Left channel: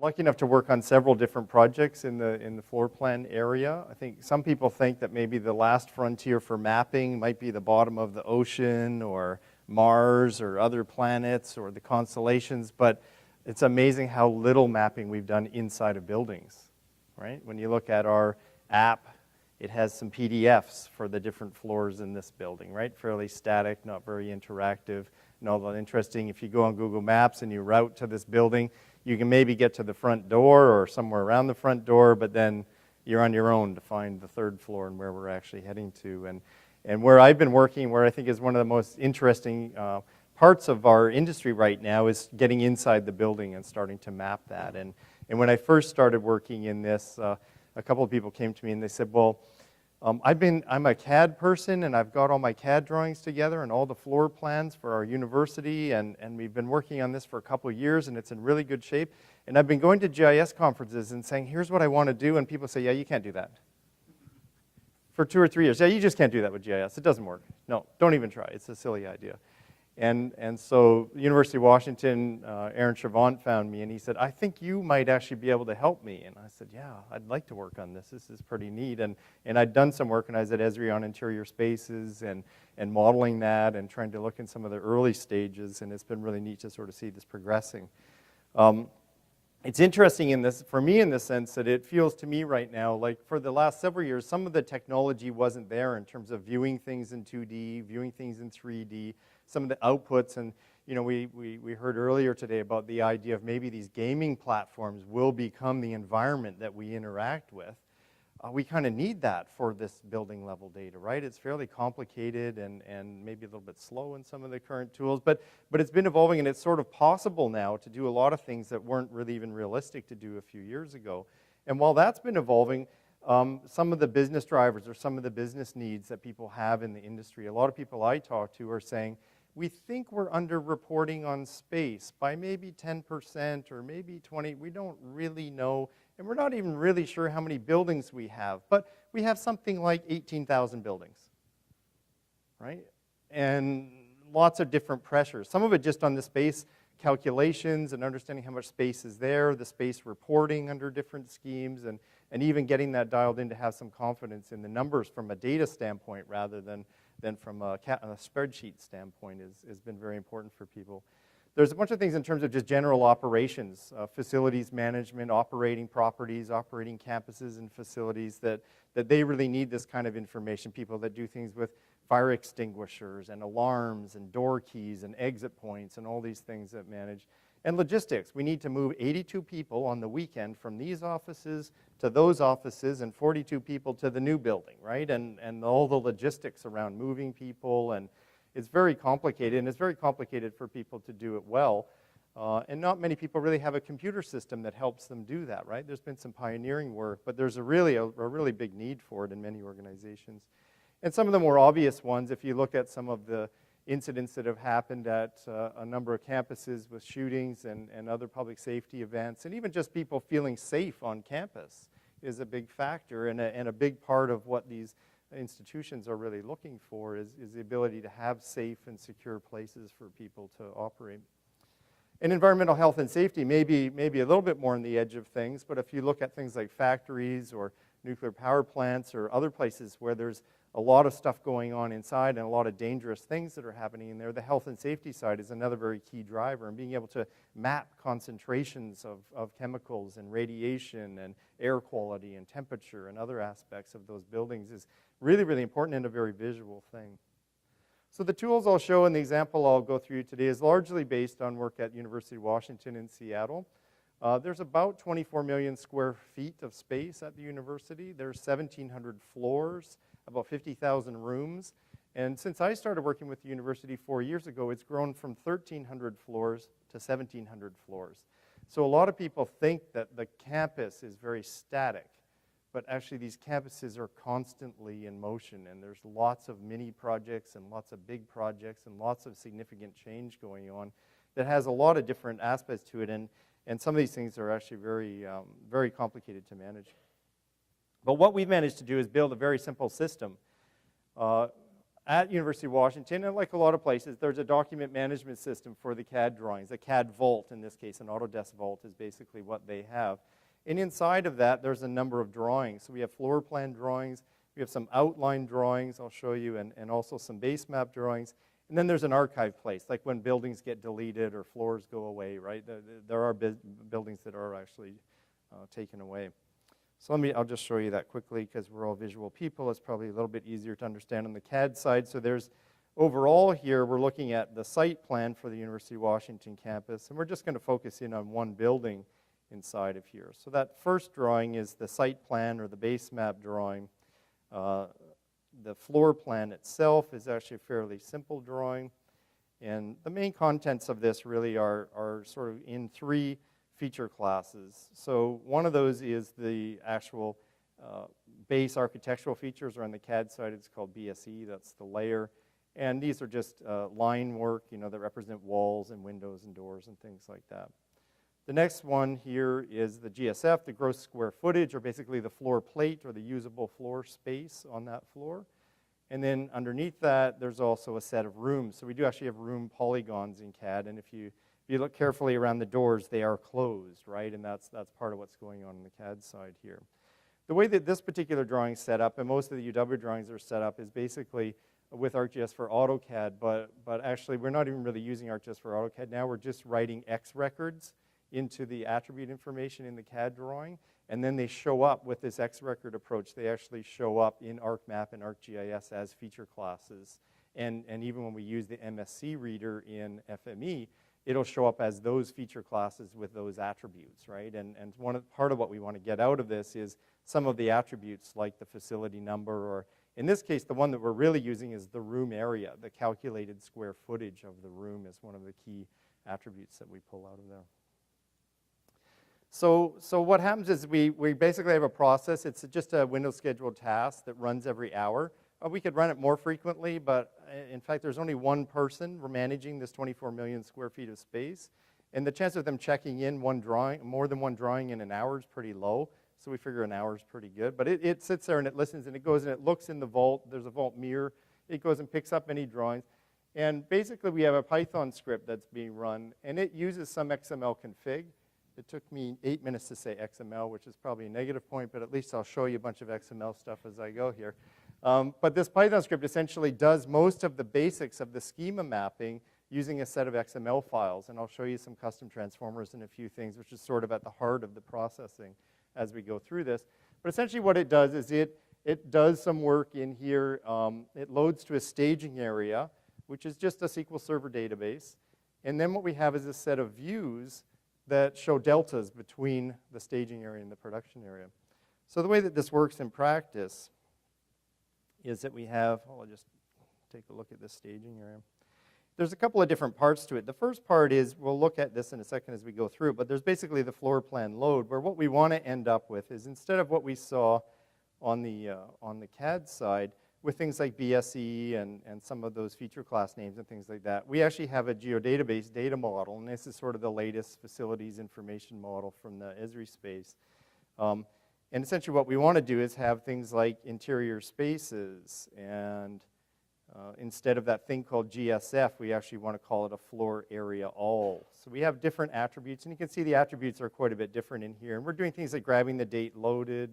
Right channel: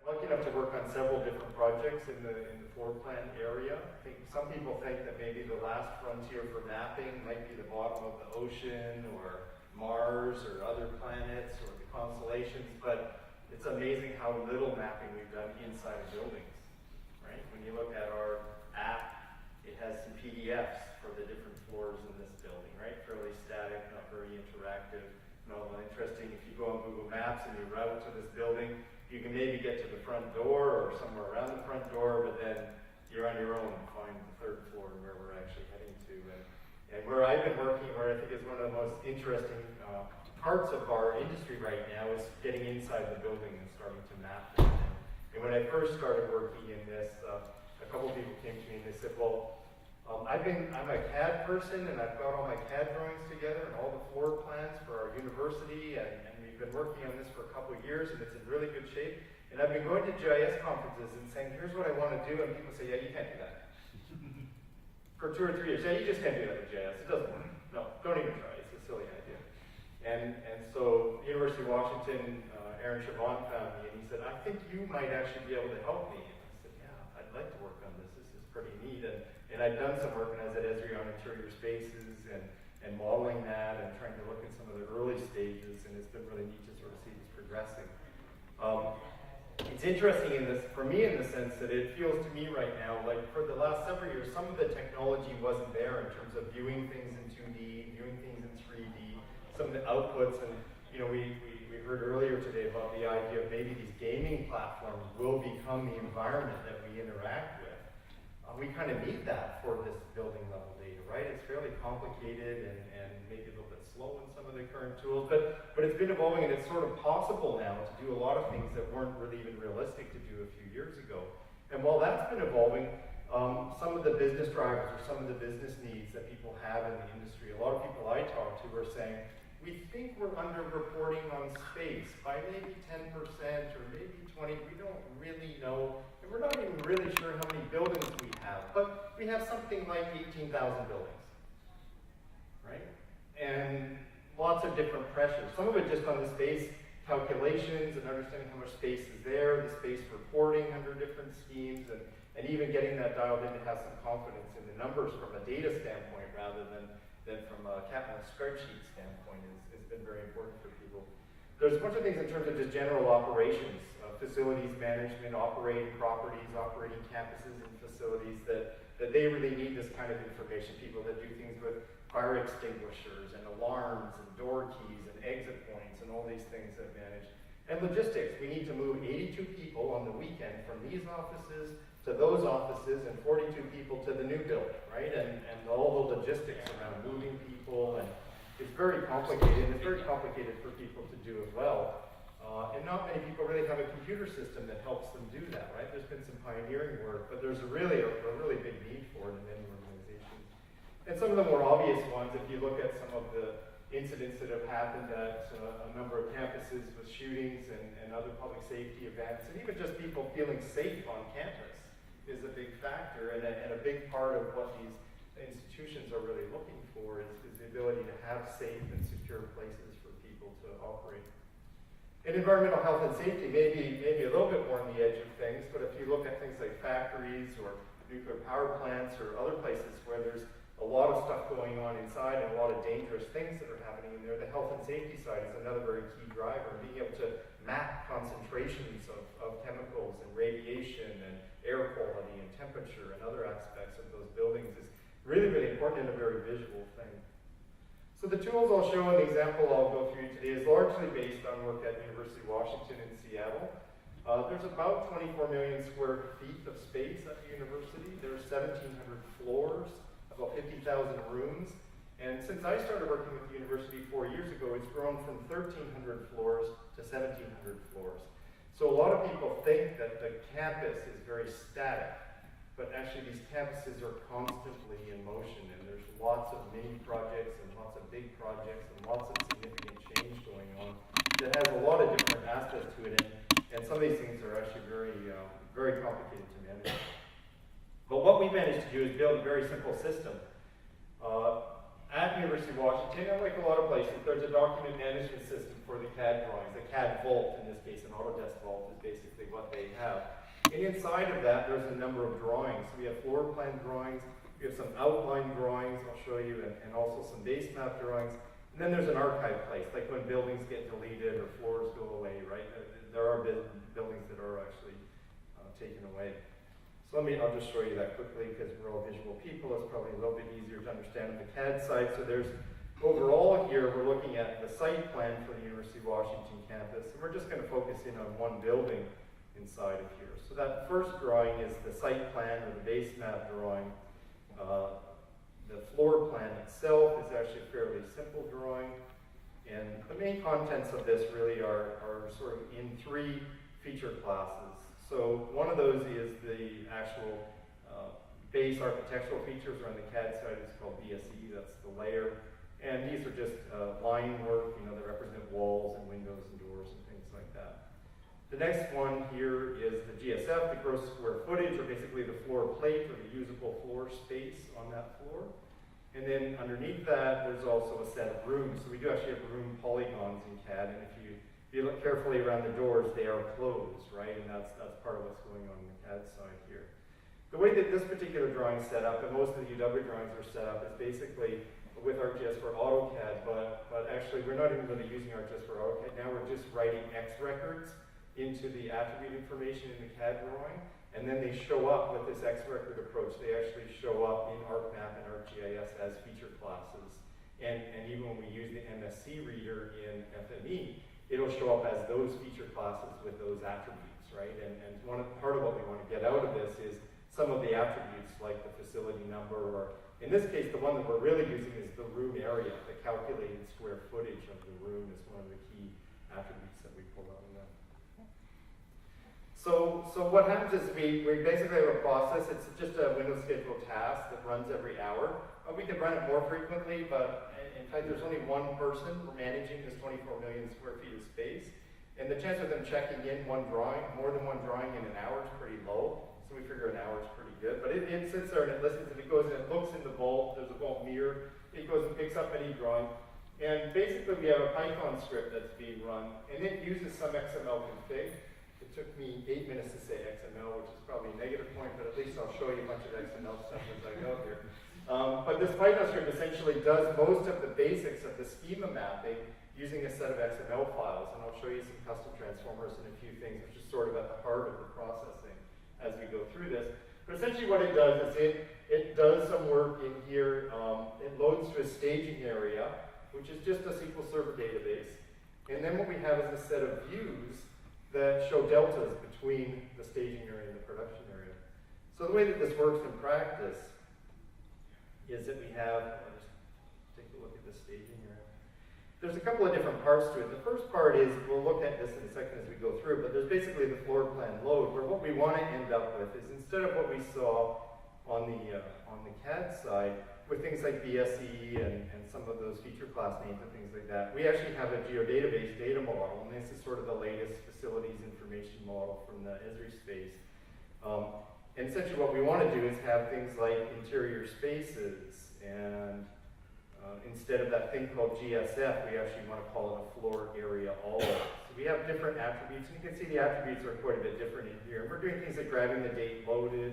lucky enough to work on several different projects in the floor plan area. I think some people think that maybe the last frontier for mapping might be the bottom of the ocean or Mars or other planets or the constellations, but it's amazing how little mapping we've done inside of buildings, right? When you look at our app, it has some PDFs for the different floors in this building, right? Fairly static, not very interactive, not all that interesting. If you go on Google Maps and you route to this building, you can maybe get to the front door or somewhere around the front door, but then you're on your own to find the third floor and where we're actually heading to. And where I've been working, where I think is one of the most interesting parts of our industry right now, is getting inside the building and starting to map that. And when I first started working in this, a couple of people came to me and they said, well, I'm a CAD person and I've got all my CAD drawings together and all the floor plans for our university, and we've been working on this for a couple of years and it's in really good shape. And I've been going to GIS conferences and saying, here's what I want to do, and people say, yeah, you can't do that. For 2 or 3 years, yeah, you just can't do that with GIS. It doesn't work. No, don't even try. It's a silly idea. And so University of Washington, Aaron Chavant found me and he said, I think you might actually be able to help me. And I said, yeah, I'd like to work on this. This is pretty neat. And I'd done some work when I was at Esri on interior spaces and modeling that and trying to look in some of the early stages, and it's been really neat to sort of see this progressing. It's interesting in this, for me, in the sense that it feels to me right now like for the last several years, some of the technology wasn't there in terms of viewing things in 2D, viewing things in 3D, some of the outputs. And you know, we heard earlier today about the idea of maybe these gaming platforms will become the environment that we interact with. We kind of need that for this building level data, right? It's fairly complicated and maybe a little bit slow in some of the current tools, but it's been evolving, and it's sort of possible now to do a lot of things that weren't really even realistic to do a few years ago. And while that's been evolving, some of the business drivers or some of the business needs that people have in the industry, a lot of people I talk to are saying, we think we're underreporting on space by maybe 10% or maybe 20%. We don't really know, and we're not even really sure how many buildings we have, but we have something like 18,000 buildings, right? And lots of different pressures. Some of it just on the space calculations and understanding how much space is there, the space reporting under different schemes, and even getting that dialed in to have some confidence in the numbers from a data standpoint rather than from a spreadsheet standpoint has been very important for people. There's a bunch of things in terms of just general operations, facilities management, operating properties, operating campuses and facilities that they really need this kind of information. People that do things with fire extinguishers and alarms and door keys and exit points and all these things that manage. And logistics, we need to move 82 people on the weekend from these offices to those offices and 42 people to the new building, right? And all the logistics around moving people, and it's very complicated, and it's very complicated for people to do it well. And not many people really have a computer system that helps them do that, right? There's been some pioneering work, but there's a really big need for it in many organizations. And some of the more obvious ones, if you look at some of the incidents that have happened at a number of campuses with shootings and other public safety events, and even just people feeling safe on campus is a big factor, and a big part of what these institutions are really looking for is the ability to have safe and secure places for people to operate. And environmental health and safety may be a little bit more on the edge of things, but if you look at things like factories or nuclear power plants or other places where there's a lot of stuff going on inside and a lot of dangerous things that are happening in there, the health and safety side is another very key driver. And being able to map concentrations of chemicals and radiation and air quality and temperature and other aspects of those buildings is really, really important and a very visual thing. So the tools I'll show in the example I'll go through today is largely based on work at University of Washington in Seattle. There's about 24 million square feet of space at the university. There's 1,700 floors, about 50,000 rooms. And since I started working with the university 4 years ago, it's grown from 1,300 floors to 1,700 floors. So a lot of people think that the campus is very static, but actually these campuses are constantly in motion, and there's lots of mini projects and lots of big projects and lots of significant change going on that has a lot of different aspects to it, and some of these things are actually very complicated to manage. But what we managed to do is build a very simple system. at University of Washington, and like a lot of places, there's a document management system for the CAD drawings. The CAD Vault, in this case, an Autodesk Vault is basically what they have. And inside of that, there's a number of drawings. So we have floor plan drawings, we have some outline drawings, I'll show you, and also some base map drawings. And then there's an archive place, like when buildings get deleted or floors go away, right? There are buildings that are actually taken away. So I'll just show you that quickly because we're all visual people. It's probably a little bit easier to understand on the CAD side. So there's, overall here, we're looking at the site plan for the University of Washington campus, and we're just going to focus in on one building inside of here. So that first drawing is the site plan or the base map drawing. The floor plan itself is actually a fairly simple drawing, and the main contents of this really are sort of in three feature classes. So one of those is the actual base architectural features, or on the CAD side it's called BSE, that's the layer. And these are just line work, that represent walls and windows and doors and things like that. The next one here is the GSF, the gross square footage, or basically the floor plate or the usable floor space on that floor. And then underneath that, there's also a set of rooms. So we do actually have room polygons in CAD, and if you look carefully around the doors, they are closed, right? And that's part of what's going on the CAD side here. The way that this particular drawing is set up, and most of the UW drawings are set up, is basically with ArcGIS for AutoCAD, but actually we're not even really using ArcGIS for AutoCAD now. We're just writing X records into the attribute information in the CAD drawing, and then they show up with this X record approach. They actually show up in ArcMap and ArcGIS as feature classes. And even when we use the MSC reader in FME, it'll show up as those feature classes with those attributes, right? And part of what we want to get out of this is some of the attributes like the facility number, or in this case, the one that we're really using is the room area. The calculated square footage of the room is one of the key attributes that we pull out of that. So what happens is we basically have a process. It's just a window scheduled task that runs every hour. We could run it more frequently, but in fact, there's only one person managing this 24 million square feet of space. And the chance of them checking in more than one drawing in an hour is pretty low. So we figure an hour is pretty good. But it sits there and it listens and it goes and it looks in the vault. There's a vault mirror. It goes and picks up any drawing. And basically, we have a Python script that's being run, and it uses some XML config. It took me 8 minutes to say XML, which is probably a negative point, but at least I'll show you a bunch of XML stuff as I go here. But this Python script essentially does most of the basics of the schema mapping using a set of XML files. And I'll show you some custom transformers and a few things, which is sort of at the heart of the processing as we go through this. But essentially what it does is it does some work in here. It loads to a staging area, which is just a SQL Server database. And then what we have is a set of views that show deltas between the staging area and the production area. So the way that this works in practice is that we have, I'll just take a look at the staging area. There's a couple of different parts to it. The first part is, we'll look at this in a second as we go through it, but there's basically the floor plan load, where what we want to end up with is, instead of what we saw on the CAD side, with things like BSE and some of those feature class names and things like that, we actually have a Geodatabase data model, and this is sort of the latest facilities information model from the Esri space. And essentially what we want to do is have things like interior spaces, and instead of that thing called GSF, we actually want to call it a floor area all. So we have different attributes, and you can see the attributes are quite a bit different in here. And we're doing things like grabbing the date loaded.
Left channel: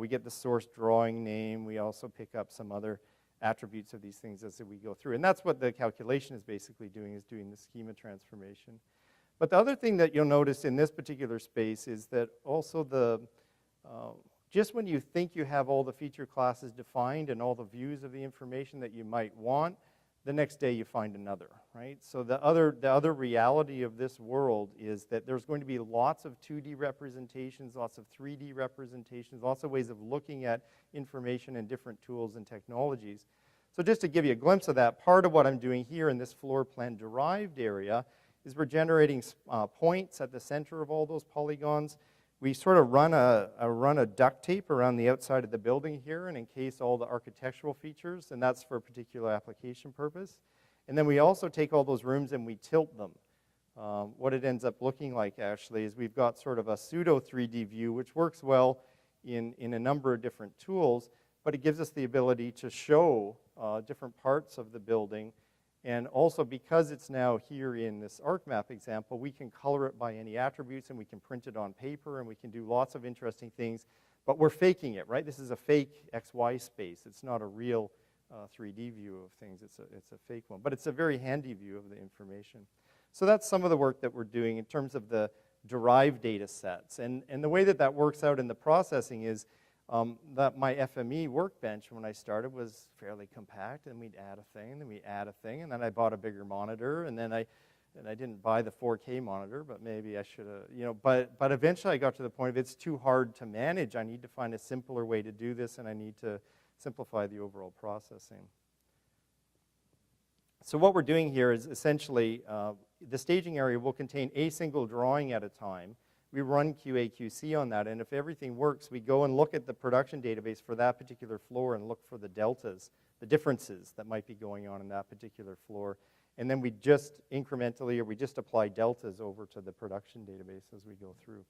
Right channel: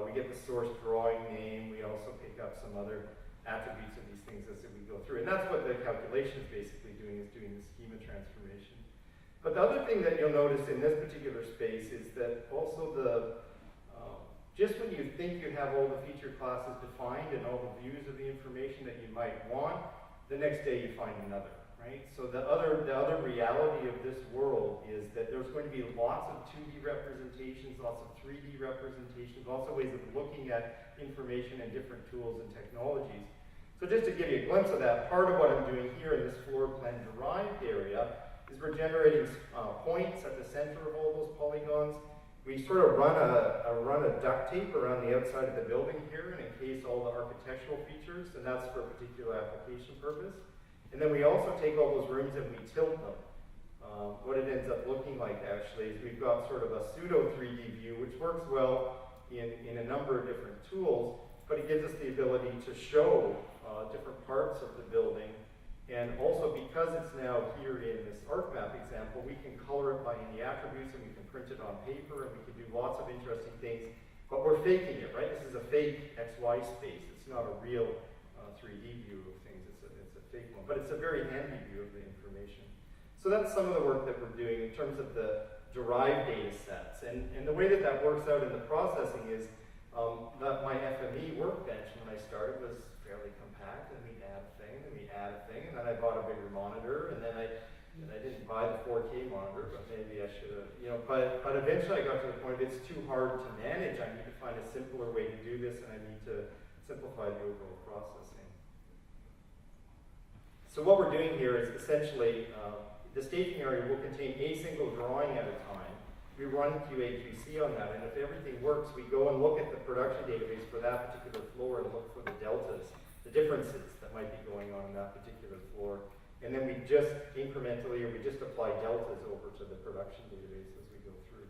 We get the source drawing name. We also pick up some other attributes of these things as we go through. And that's what the calculation is basically doing the schema transformation. But the other thing that you'll notice in this particular space is that also just when you think you have all the feature classes defined and all the views of the information that you might want, the next day you find another, right? So the other reality of this world is that there's going to be lots of 2D representations, lots of 3D representations, lots of ways of looking at information and different tools and technologies. So just to give you a glimpse of that, part of what I'm doing here in this floor plan derived area is we're generating points at the center of all those polygons. We sort of run a duct tape around the outside of the building here and encase all the architectural features, and that's for a particular application purpose. And then we also take all those rooms and we tilt them. What it ends up looking like actually is we've got sort of a pseudo 3D view, which works well in a number of different tools. but it gives us the ability to show different parts of the building. And also, because it's now here in this ArcMap example, we can color it by any attributes, and we can print it on paper, and we can do lots of interesting things. But we're faking it, right? This is a fake XY space. It's not a real 3D view of things. It's a fake one. But it's a very handy view of the information. So that's some of the work that we're doing in terms of the derived data sets. And the way that that works out in the processing is that my FME workbench, when I started, was fairly compact, and we'd add a thing, and we'd add a thing, and then I bought a bigger monitor, and then I didn't buy the 4K monitor, but maybe I should have, you know, but eventually I got to the point of it's too hard to manage. I need to find a simpler way to do this, and I need to simplify the overall processing. So what we're doing here is essentially the staging area will contain a single drawing at a time. We run QA/QC on that, and if everything works, we go and look at the production database for that particular floor and look for the deltas, the differences that might be going on in that particular floor. And then we just incrementally, or we just apply deltas over to the production database as we go through.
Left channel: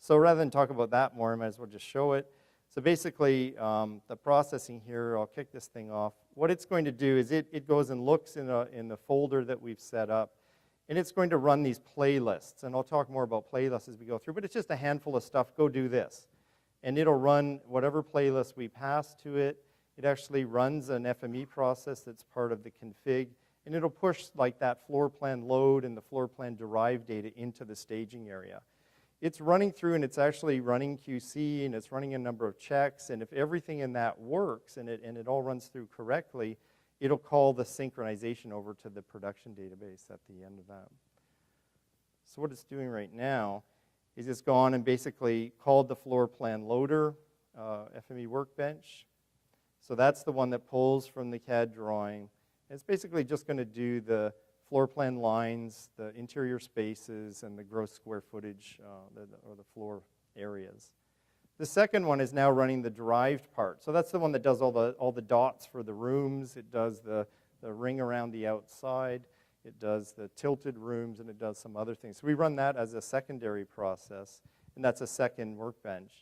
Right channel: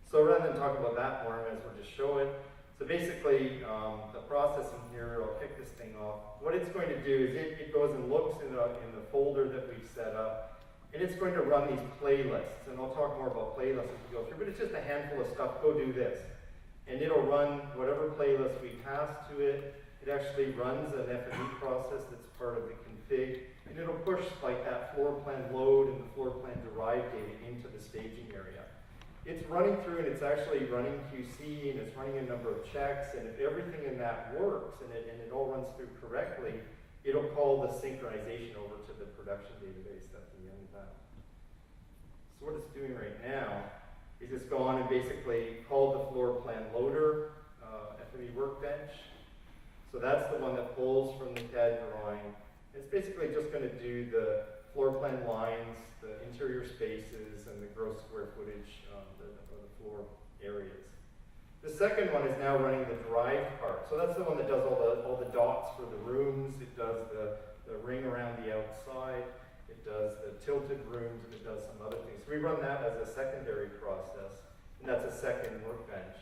So rather than talk about that more, I might as well just show it. So basically, the processing here, I'll kick this thing off. What it's going to do is it goes and looks in the folder that we've set up, and it's going to run these playlists. And I'll talk more about playlists as we go through, but it's just a handful of stuff. Go do this. And it'll run whatever playlist we pass to it. It actually runs an FME process that's part of the config. And it'll push like that floor plan load and the floor plan derived data into the staging area. It's running through, and it's actually running QC, and it's running a number of checks, and if everything in that works and it all runs through correctly, it'll call the synchronization over to the production database at the end of that. So what it's doing right now is it's gone and basically called the Floorplan Loader FME workbench. So that's the one that pulls from the CAD drawing. It's basically just going to do the floor plan lines, the interior spaces, and the gross square footage of the floor areas. The second one is now running the derived part. So that's the one that does all the dots for the rooms. It does the ring around the outside. It does the tilted rooms, and it does some other things. So we run that as a secondary process, and that's a second workbench.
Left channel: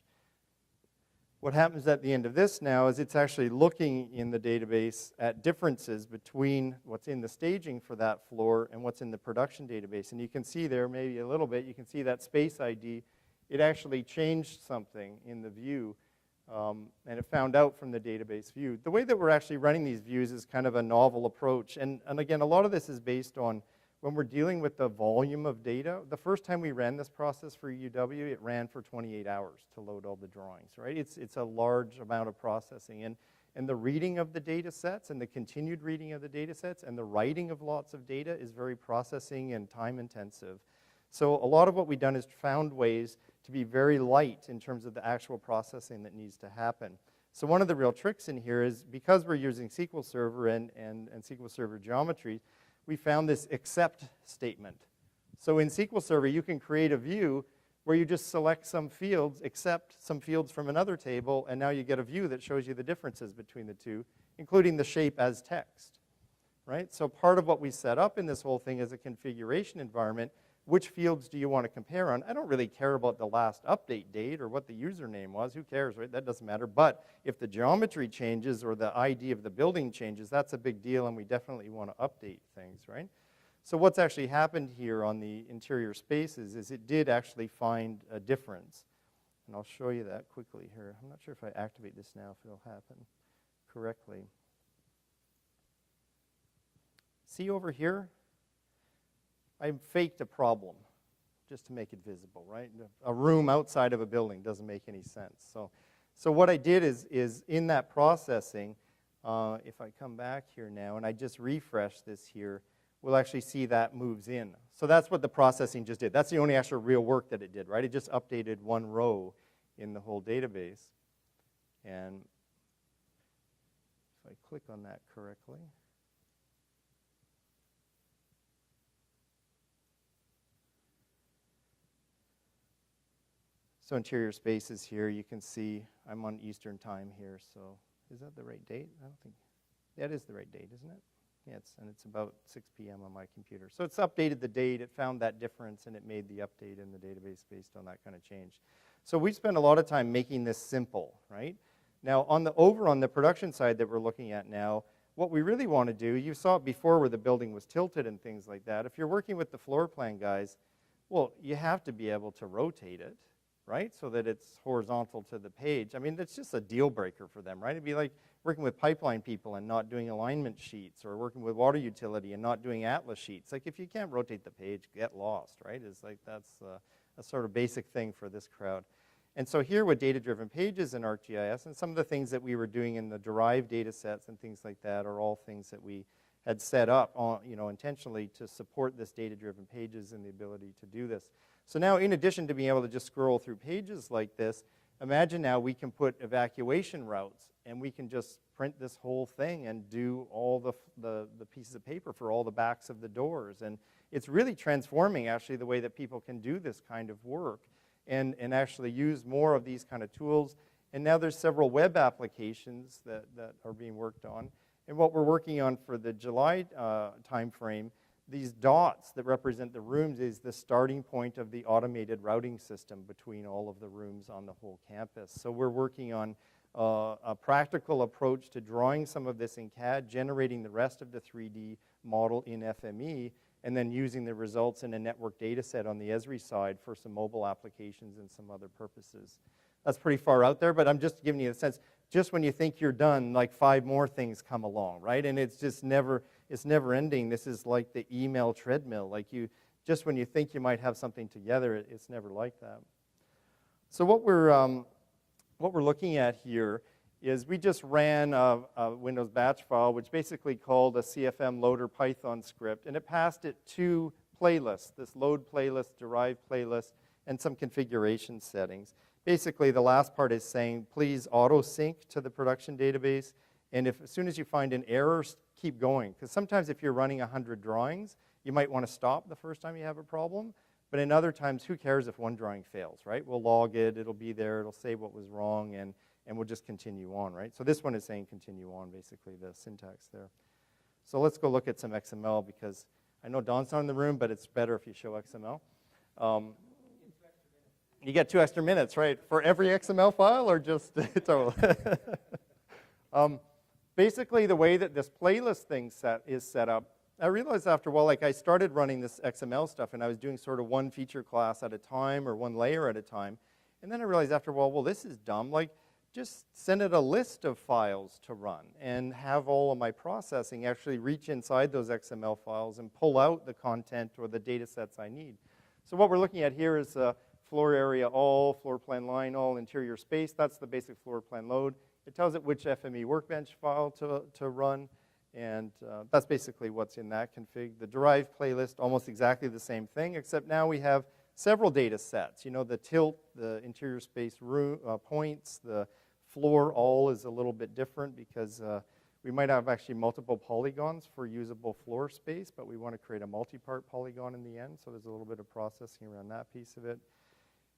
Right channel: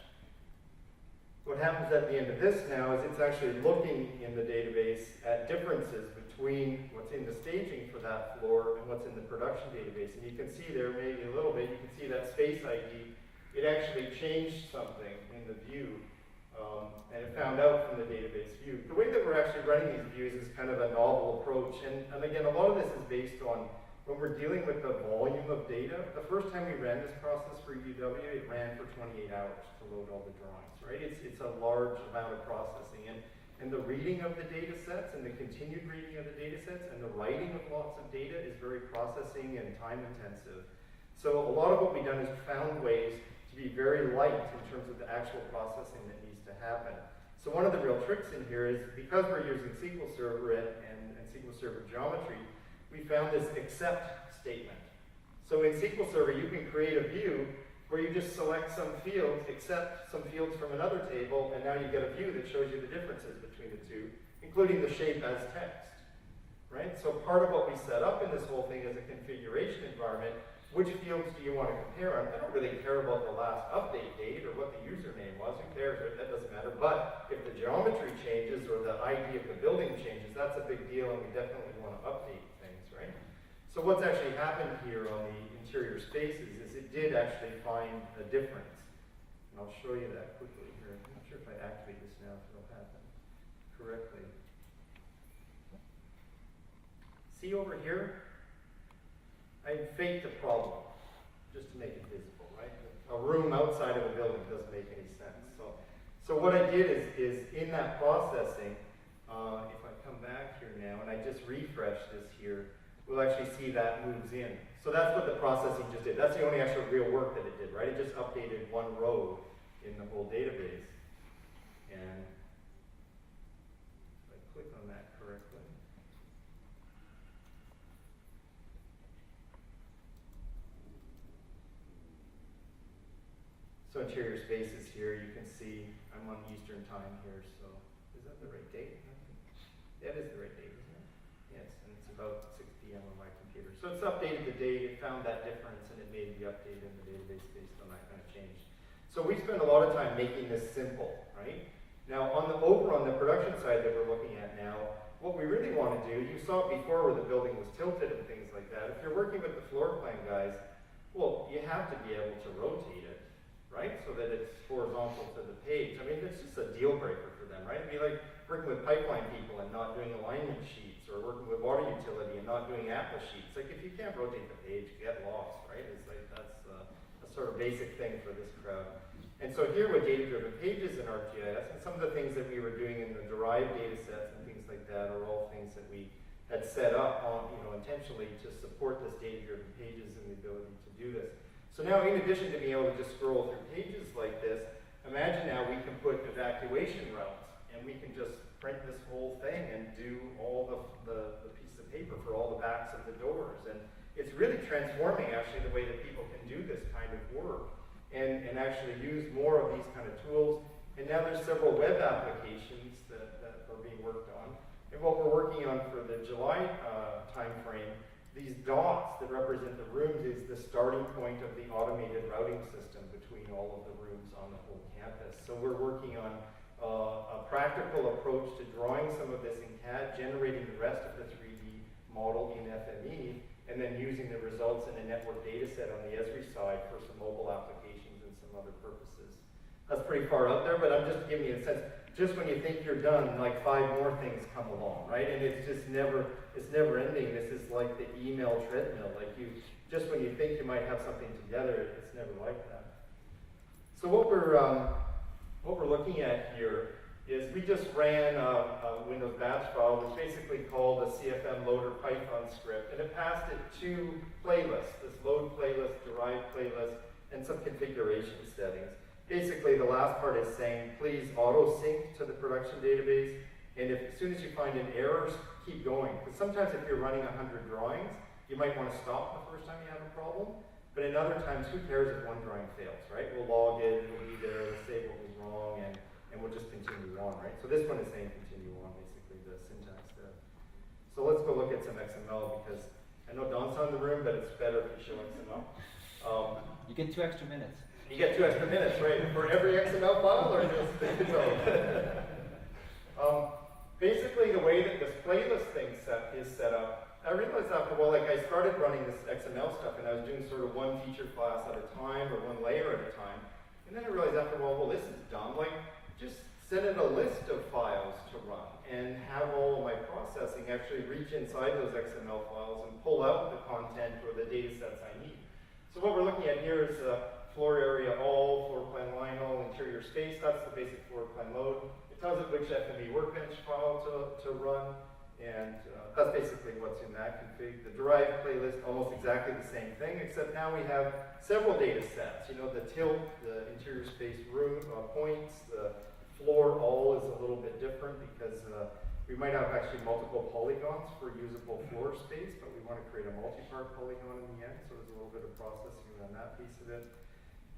What happens at the end of this now is it's actually looking in the database at differences between what's in the staging for that floor and what's in the production database. And you can see there, maybe a little bit, you can see that space ID. It actually changed something in the view, and it found out from the database view. The way that we're actually running these views is kind of a novel approach. And again, a lot of this is based on when we're dealing with the volume of data. The first time we ran this process for UW, it ran for 28 hours to load all the drawings, right? It's a large amount of processing. And the reading of the data sets and the continued reading of the data sets and the writing of lots of data is very processing and time intensive. So a lot of what we've done is found ways to be very light in terms of the actual processing that needs to happen. So one of the real tricks in here is because we're using SQL Server and SQL Server geometry, we found this except statement. So in SQL Server, you can create a view where you just select some fields, accept some fields from another table, and now you get a view that shows you the differences between the two, including the shape as text, right? So part of what we set up in this whole thing is a configuration environment. Which fields do you want to compare on? I don't really care about the last update date or what the username was. Who cares, right? That doesn't matter. But if the geometry changes or the ID of the building changes, that's a big deal, and we definitely want to update things, right? So what's actually happened here on the interior spaces is it did actually find a difference. And I'll show you that quickly here. I'm not sure if I activate this now, if it'll happen correctly. See over here? I faked a problem just to make it visible, right? A room outside of a building doesn't make any sense. So what I did is in that processing, if I come back here now and I just refresh this here, we'll actually see that moves in. So that's what the processing just did. That's the only actual real work that it did, right? It just updated one row in the whole database. And if I click on that correctly, so interior spaces here, you can see I'm on Eastern time here, so is that the right date? Yeah, it is the right date, isn't it? Yes, and it's about 6 p.m. on my computer. So it's updated the date, it found that difference, and it made the update in the database based on that kind of change. So we spend a lot of time making this simple, right? Now, over on the production side that we're looking at now, what we really want to do, you saw it before where the building was tilted and things like that. If you're working with the floor plan guys, well, you have to be able to rotate it, right? So that it's horizontal to the page. I mean, it's just a deal breaker for them, right? It'd be like working with pipeline people and not doing alignment sheets, or working with water utility and not doing atlas sheets. Like, if you can't rotate the page, get lost, right? It's like, that's a sort of basic thing for this crowd. And so here with data-driven pages in ArcGIS, and some of the things that we were doing in the derived data sets and things like that are all things that we had set up on, intentionally to support this data-driven pages and the ability to do this. So now, in addition to being able to just scroll through pages like this, imagine now we can put evacuation routes, and we can just print this whole thing and do all the pieces of paper for all the backs of the doors. And it's really transforming, actually, the way that people can do this kind of work. And actually use more of these kind of tools. And now there's several web applications that are being worked on. And what we're working on for the July timeframe, these dots that represent the rooms is the starting point of the automated routing system between all of the rooms on the whole campus. So we're working on a practical approach to drawing some of this in CAD, generating the rest of the 3D model in FME, and then using the results in a network data set on the Esri side for some mobile applications and some other purposes. That's pretty far out there, but I'm just giving you a sense. Just when you think you're done, like 5 more things come along, right? And it's just never ending. This is like the email treadmill. Like, just when you think you might have something together, it's never like that. So what we're looking at here is we just ran a Windows batch file, which basically called a CFM loader Python script, and it passed it 2 playlists, this load playlist, derived playlist, and some configuration settings. Basically, the last part is saying, please auto-sync to the production database, and as soon as you find an error, keep going. Because sometimes if you're running 100 drawings, you might want to stop the first time you have a problem, but in other times, who cares if one drawing fails, right? We'll log it, it'll be there, it'll say what was wrong, and we'll just continue on, right? So this one is saying continue on, basically, the syntax there. So let's go look at some XML, because I know Don's not in the room, but it's better if we show XML. You get 2 extra minutes. You get 2 extra minutes, right? For every XML file, or just the total? Basically, the way that this playlist thing is set up, I realized after a while, like, I started running this XML stuff, and I was doing sort of one feature class at a time, or one layer at a time. And then I realized after a while, well, this is dumb. Like, just send it a list of files to run and have all of my processing actually reach inside those XML files and pull out the content or the data sets I need. So what we're looking at here is floor area all, floor plan line all, interior space. That's the basic floor plan load. It tells it which FME workbench file to run, and that's basically what's in that config. The derived playlist, almost exactly the same thing, except now we have several data sets. You know, the tilt, the interior space room points, the floor all is a little bit different because we might have actually multiple polygons for usable floor space, but we want to create a multi-part polygon in the end, so there's a little bit of processing around that piece of it.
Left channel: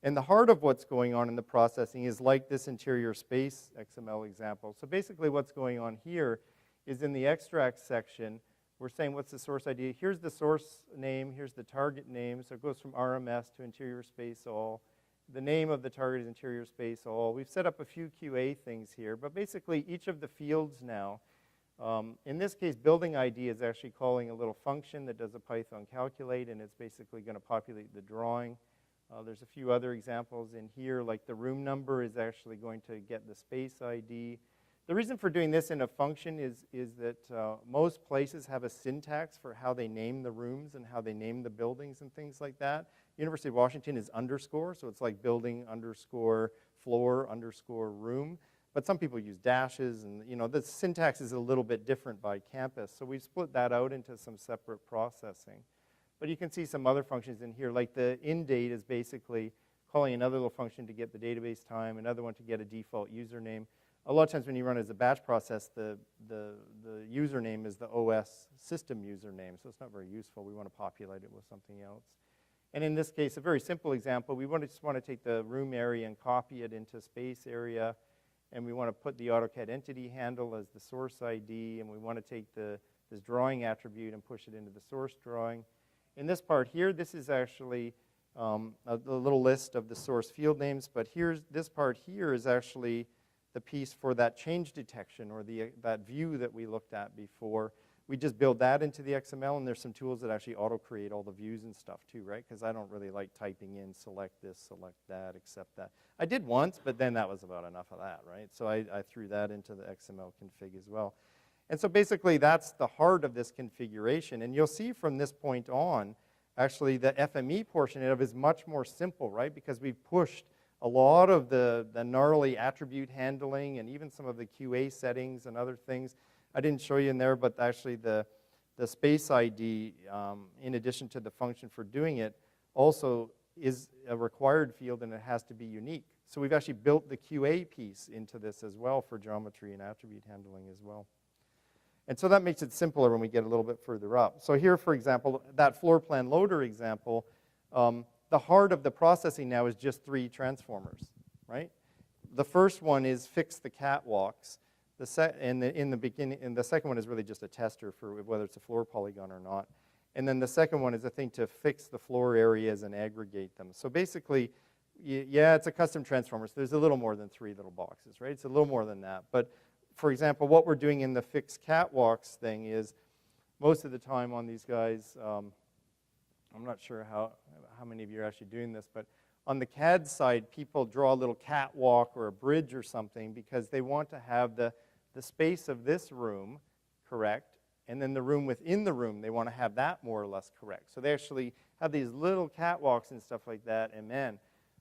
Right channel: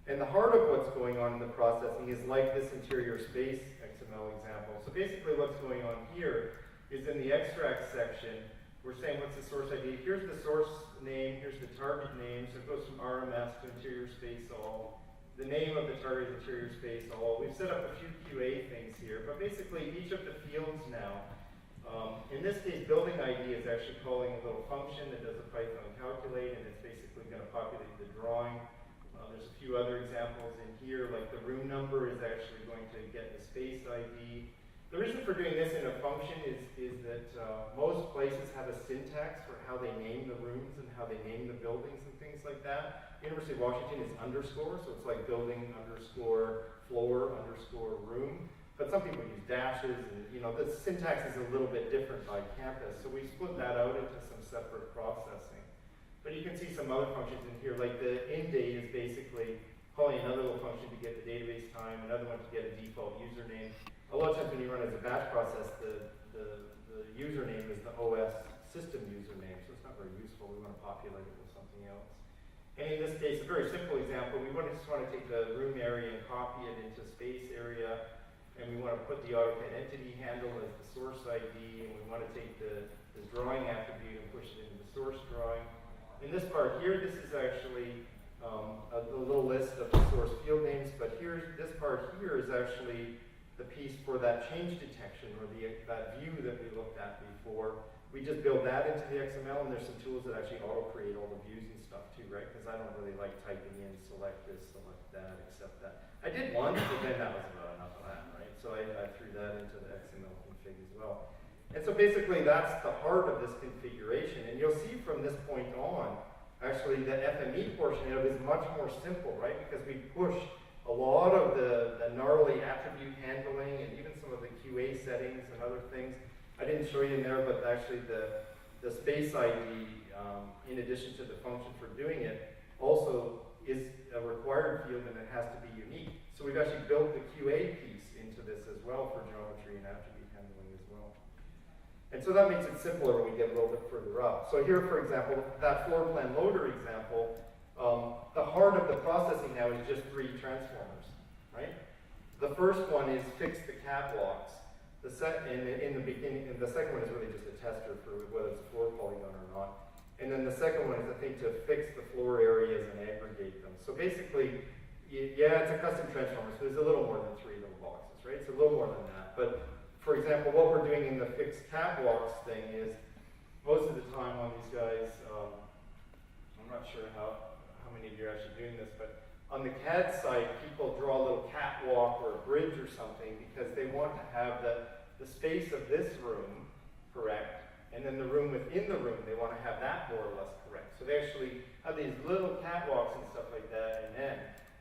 And the heart of what's going on in the processing is like this interior space XML example. So basically what's going on here is in the extract section, we're saying what's the source ID. Here's the source name, here's the target name, so it goes from RMS to interior space all. The name of the target is interior space all. We've set up a few QA things here, but basically each of the fields now, in this case, building ID is actually calling a little function that does a Python calculate, and it's basically going to populate the drawing. There's a few other examples in here, like the room number is actually going to get the space ID. The reason for doing this in a function is that most places have a syntax for how they name the rooms and how they name the buildings and things like that. University of Washington is underscore, so it's like building underscore floor underscore room. But some people use dashes, and you know, the syntax is a little bit different by campus. So we split that out into some separate processing. But you can see some other functions in here, like the indate is basically calling another little function to get the database time, another one to get a default username. A lot of times when you run as a batch process, the username is the OS system username, so it's not very useful. We want to populate it with something else. And in this case, a very simple example, we just want to take the room area and copy it into space area, and we want to put the AutoCAD entity handle as the source ID, and we want to take the drawing attribute and push it into the source drawing. In this part here, this is actually a little list of the source field names, but this part here is actually the piece for that change detection or that view that we looked at before. We just build that into the XML, and there's some tools that actually auto-create all the views and stuff too, right? Because I don't really like typing in, select this, select that, accept that. I did once, but then that was about enough of that, right? So I threw that into the XML config as well. And so basically that's the heart of this configuration. And you'll see from this point on, actually the FME portion of it is much more simple, right? Because we pushed a lot of the gnarly attribute handling and even some of the QA settings and other things. I didn't show you in there, but actually the space ID, in addition to the function for doing it, also is a required field and it has to be unique. So we've actually built the QA piece into this as well for geometry and attribute handling as well. And so that makes it simpler when we get a little bit further up. So here, for example, that Floorplan Loader example, the heart of the processing now is just 3 transformers, right? The first one is fix the catwalks. In the beginning, and the second one is really just a tester for whether it's a floor polygon or not. And then the second one is, I think, to fix the floor areas and aggregate them. So basically, yeah, it's a custom transformer, so there's a little more than 3 little boxes, right? It's a little more than that. But for example, what we're doing in the fixed catwalks thing is, most of the time on these guys, I'm not sure how many of you are actually doing this, but on the CAD side, people draw a little catwalk or a bridge or something because they want to have the space of this room correct, and then the room within the room, they want to have that more or less correct. So they actually have these little catwalks and stuff like that, and then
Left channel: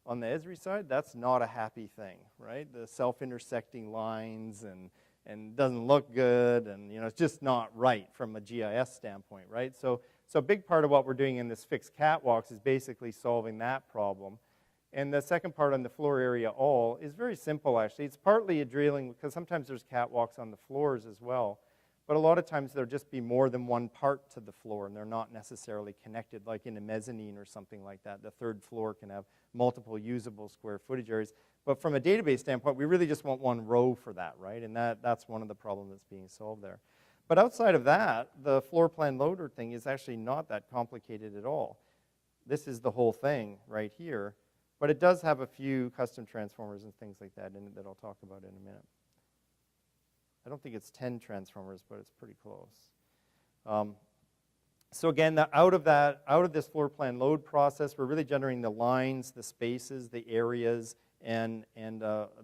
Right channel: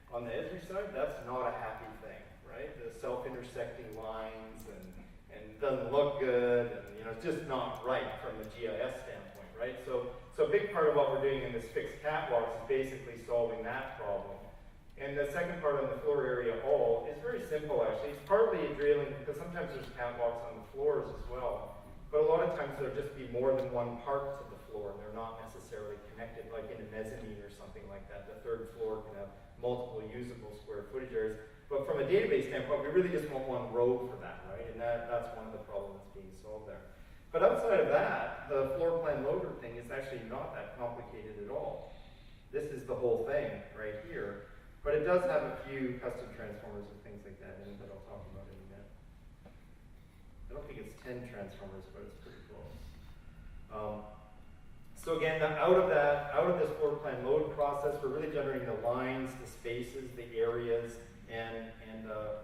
on the Esri side, that's not a happy thing, right? The self-intersecting lines and it doesn't look good, and it's just not right from a GIS standpoint, right? So a big part of what we're doing in this fixed catwalks is basically solving that problem. And the second part on the floor area all is very simple, actually. It's partly a drilling, because sometimes there's catwalks on the floors as well. But a lot of times there'll just be more than one part to the floor, and they're not necessarily connected, like in a mezzanine or something like that. The third floor can have multiple usable square footage areas. But from a database standpoint, we really just want one row for that, right? And that's one of the problems that's being solved there. But outside of that, the Floorplan Loader thing is actually not that complicated at all. This is the whole thing right here. But it does have a few custom transformers and things like that in it that I'll talk about in a minute. I don't think it's 10 transformers, but it's pretty close. So again, out of this floor plan load process, we're really generating the lines, the spaces, the areas, and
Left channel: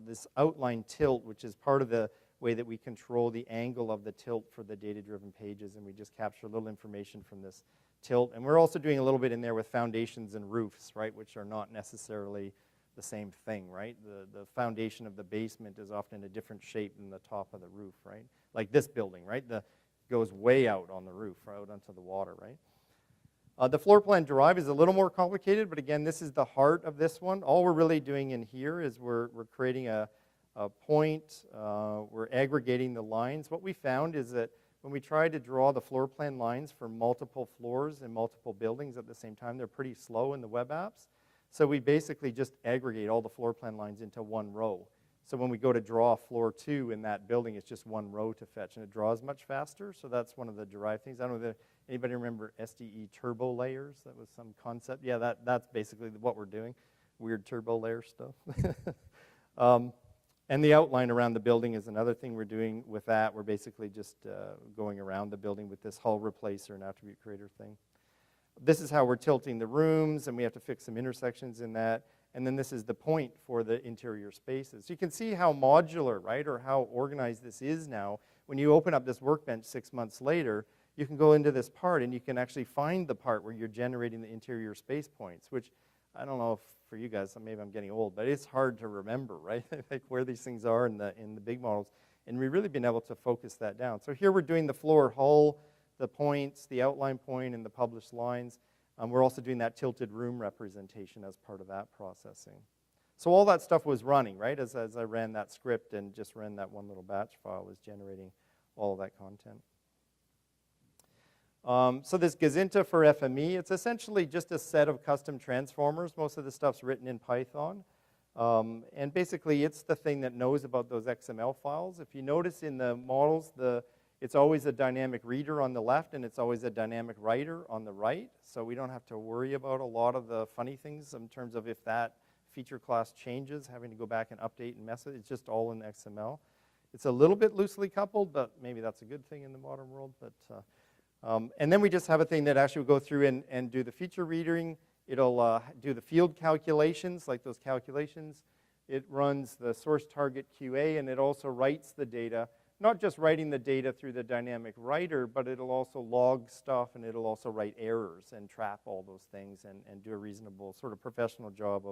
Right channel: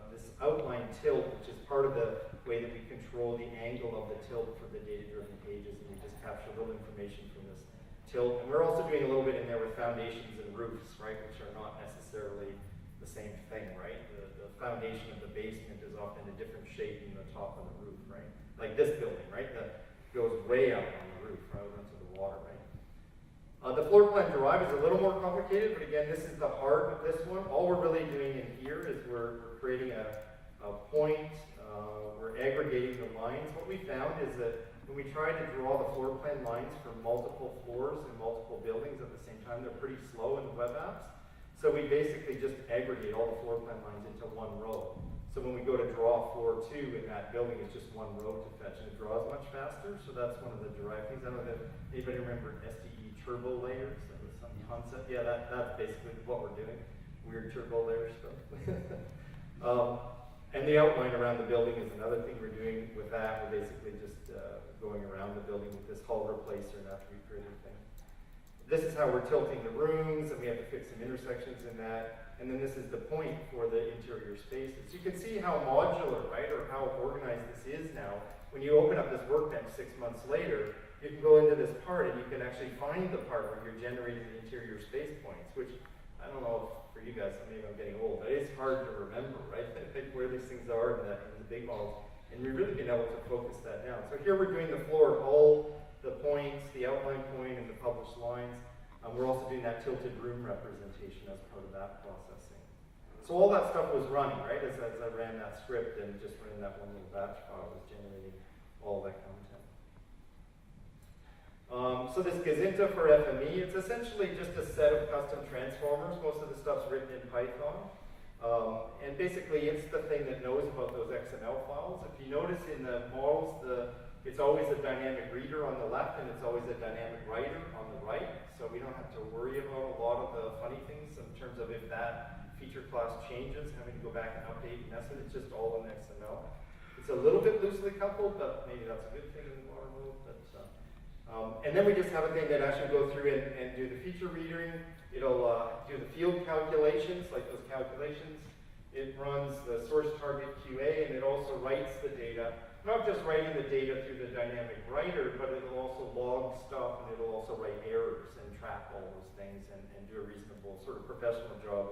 this outline tilt, which is part of the way that we control the angle of the tilt for the data-driven pages, and we just capture a little information from this tilt. And we're also doing a little bit in there with foundations and roofs, right, which are not necessarily the same thing, right? The foundation of the basement is often in a different shape than the top of the roof, right? Like this building, right? That goes way out on the roof, right out onto the water, right? The floor plan derive is a little more complicated, but again, this is the heart of this one. All we're really doing in here is we're creating a point, we're aggregating the lines. What we found is that when we try to draw the floor plan lines for multiple floors and multiple buildings at the same time, they're pretty slow in the web apps. So we basically just aggregate all the floor plan lines into one row. So when we go to draw floor 2 in that building, it's just one row to fetch, and it draws much faster. So that's one of the derived things. I don't know if anybody remember SDE turbo layers? That was some concept. Yeah, that's basically what we're doing. Weird turbo layer stuff. And the outline around the building is another thing we're doing with that. We're basically just going around the building with this hull replacer and attribute creator thing. This is how we're tilting the rooms, and we have to fix some intersections in that. And then this is the point for the interior spaces. You can see how modular, right, or how organized this is now. When you open up this workbench 6 months later, you can go into this part and you can actually find the part where you're generating the interior space points, which I don't know if for you guys, maybe I'm getting old, but it's hard to remember, right, where these things are in the big models. And we've really been able to focus that down. So here we're doing the floor hull, the points, the outline point, and the published lines. We're also doing that tilted room representation as part of that processing. So all that stuff was running, right? As I ran that script and just ran that one little batch file, it was generating all of that content. So this Gazinta for FME, it's essentially just a set of custom transformers. Most of the stuff's written in Python. And basically, it's the thing that knows about those XML files. If you notice in the models, it's always a dynamic reader on the left, and it's always a dynamic writer on the right. So we don't have to worry about a lot of the funny things in terms of if feature class changes, having to go back and update and mess it. It's just all in XML. It's a little bit loosely coupled, but maybe that's a good thing in the modern world. But, and then we just have a thing that actually will go through and do the feature reading. It'll do the field calculations, like those calculations. It runs the source target QA, and it also writes the data. Not just writing the data through the dynamic writer, but it'll also log stuff, and it'll also write errors and track all those things and do a reasonable sort of professional job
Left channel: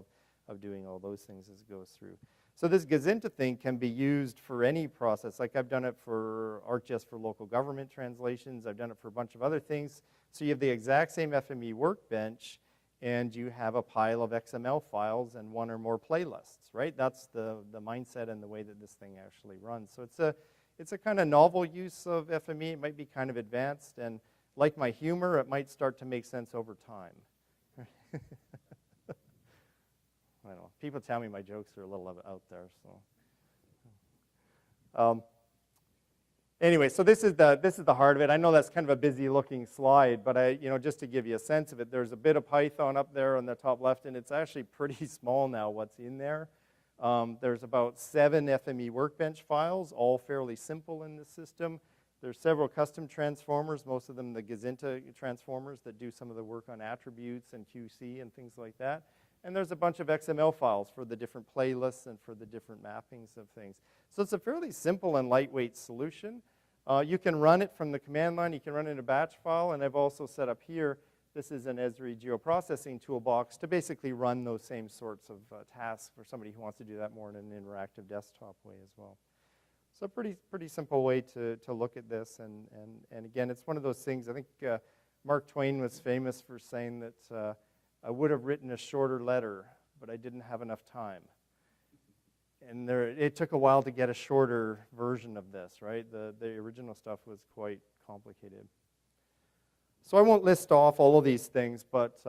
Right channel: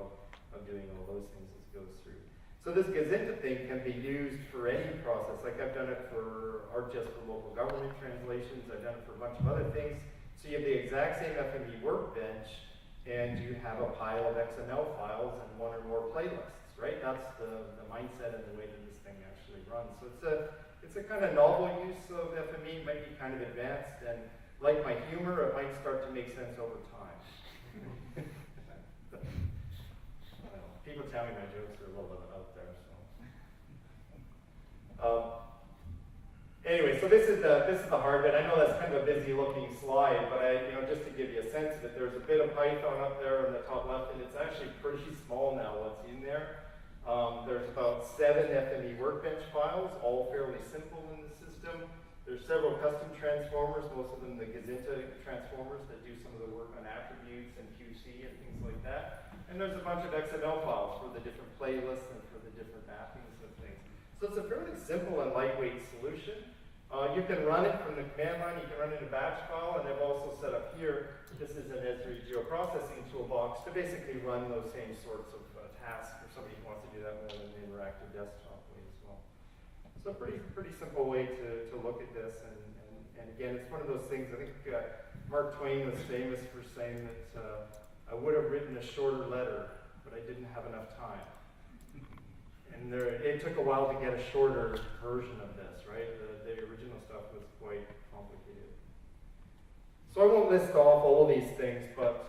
of doing all those things as it goes through. So this Gazinta thing can be used for any process. Like I've done it for ArcGIS for local government translations. I've done it for a bunch of other things. So you have the exact same FME workbench, and you have a pile of XML files and one or more playlists, right? That's the mindset and the way that this thing actually runs. So it's a kind of novel use of FME. It might be kind of advanced, and like my humor, it might start to make sense over time. Well, people tell me my jokes are a little out there, so. Anyway, so this is the heart of it. I know that's kind of a busy-looking slide, but just to give you a sense of it, there's a bit of Python up there on the top left, and it's actually pretty small now what's in there. There's about 7 FME workbench files, all fairly simple in the system. There's several custom transformers, most of them the Gazinta transformers that do some of the work on attributes and QC and things like that. And there's a bunch of XML files for the different playlists and for the different mappings and things. So it's a fairly simple and lightweight solution. You can run it from the command line. You can run it in a batch file, and I've also set up here, this is an Esri geoprocessing toolbox to basically run those same sorts of tasks for somebody who wants to do that more in an interactive desktop way as well. So pretty simple way to look at this, and again, it's one of those things. I think Mark Twain was famous for saying that I would have written a shorter letter, but I didn't have enough time. And it took a while to get a shorter version of this, right? The original stuff was quite complicated. So I won't list off all of these things, but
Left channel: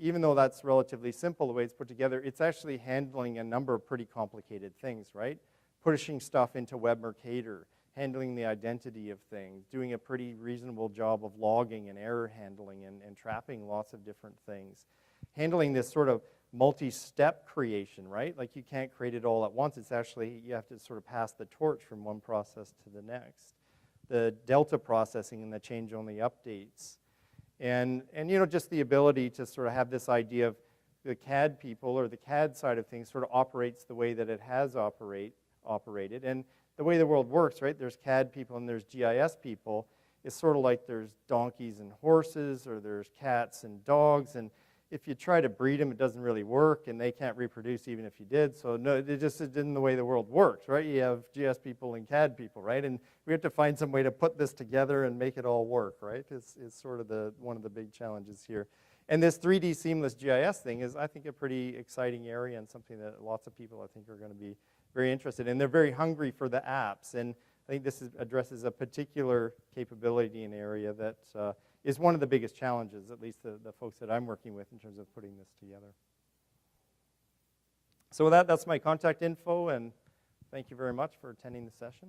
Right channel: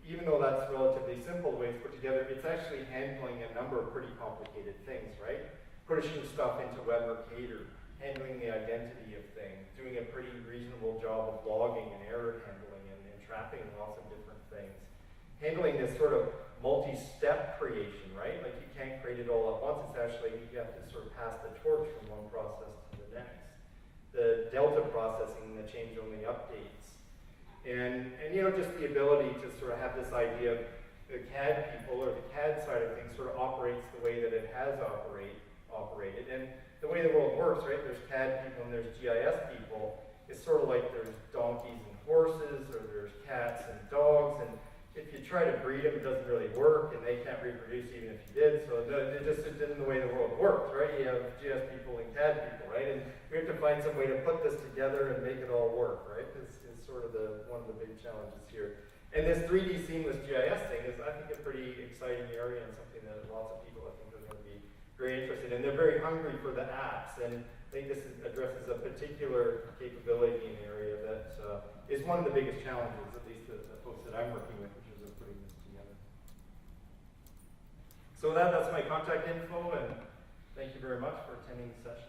even though that's relatively simple the way it's put together, it's actually handling a number of pretty complicated things, right? Pushing stuff into Web Mercator, handling the identity of things, doing a pretty reasonable job of logging and error handling and trapping lots of different things. Handling this sort of multi-step creation, right? Like you can't create it all at once. It's actually, you have to sort of pass the torch from one process to the next. The delta processing and the change-only updates. And just the ability to sort of have this idea of the CAD people or the CAD side of things sort of operates the way that it has operated. And the way the world works, right? There's CAD people and there's GIS people. It's sort of like there's donkeys and horses, or there's cats and dogs, and if you try to breed them, it doesn't really work, and they can't reproduce even if you did. So no, it didn't the way the world works, right? You have GIS people and CAD people, right? And we have to find some way to put this together and make it all work, right? It's sort of one of the big challenges here. And this 3D seamless GIS thing is, I think, a pretty exciting area and something that lots of people, I think, are going to be very interested in. They're very hungry for the apps, and I think this addresses a particular capability and area that is one of the biggest challenges, at least the folks that I'm working with in terms of putting this together. So with that, that's my contact info, and thank you very much for attending the session.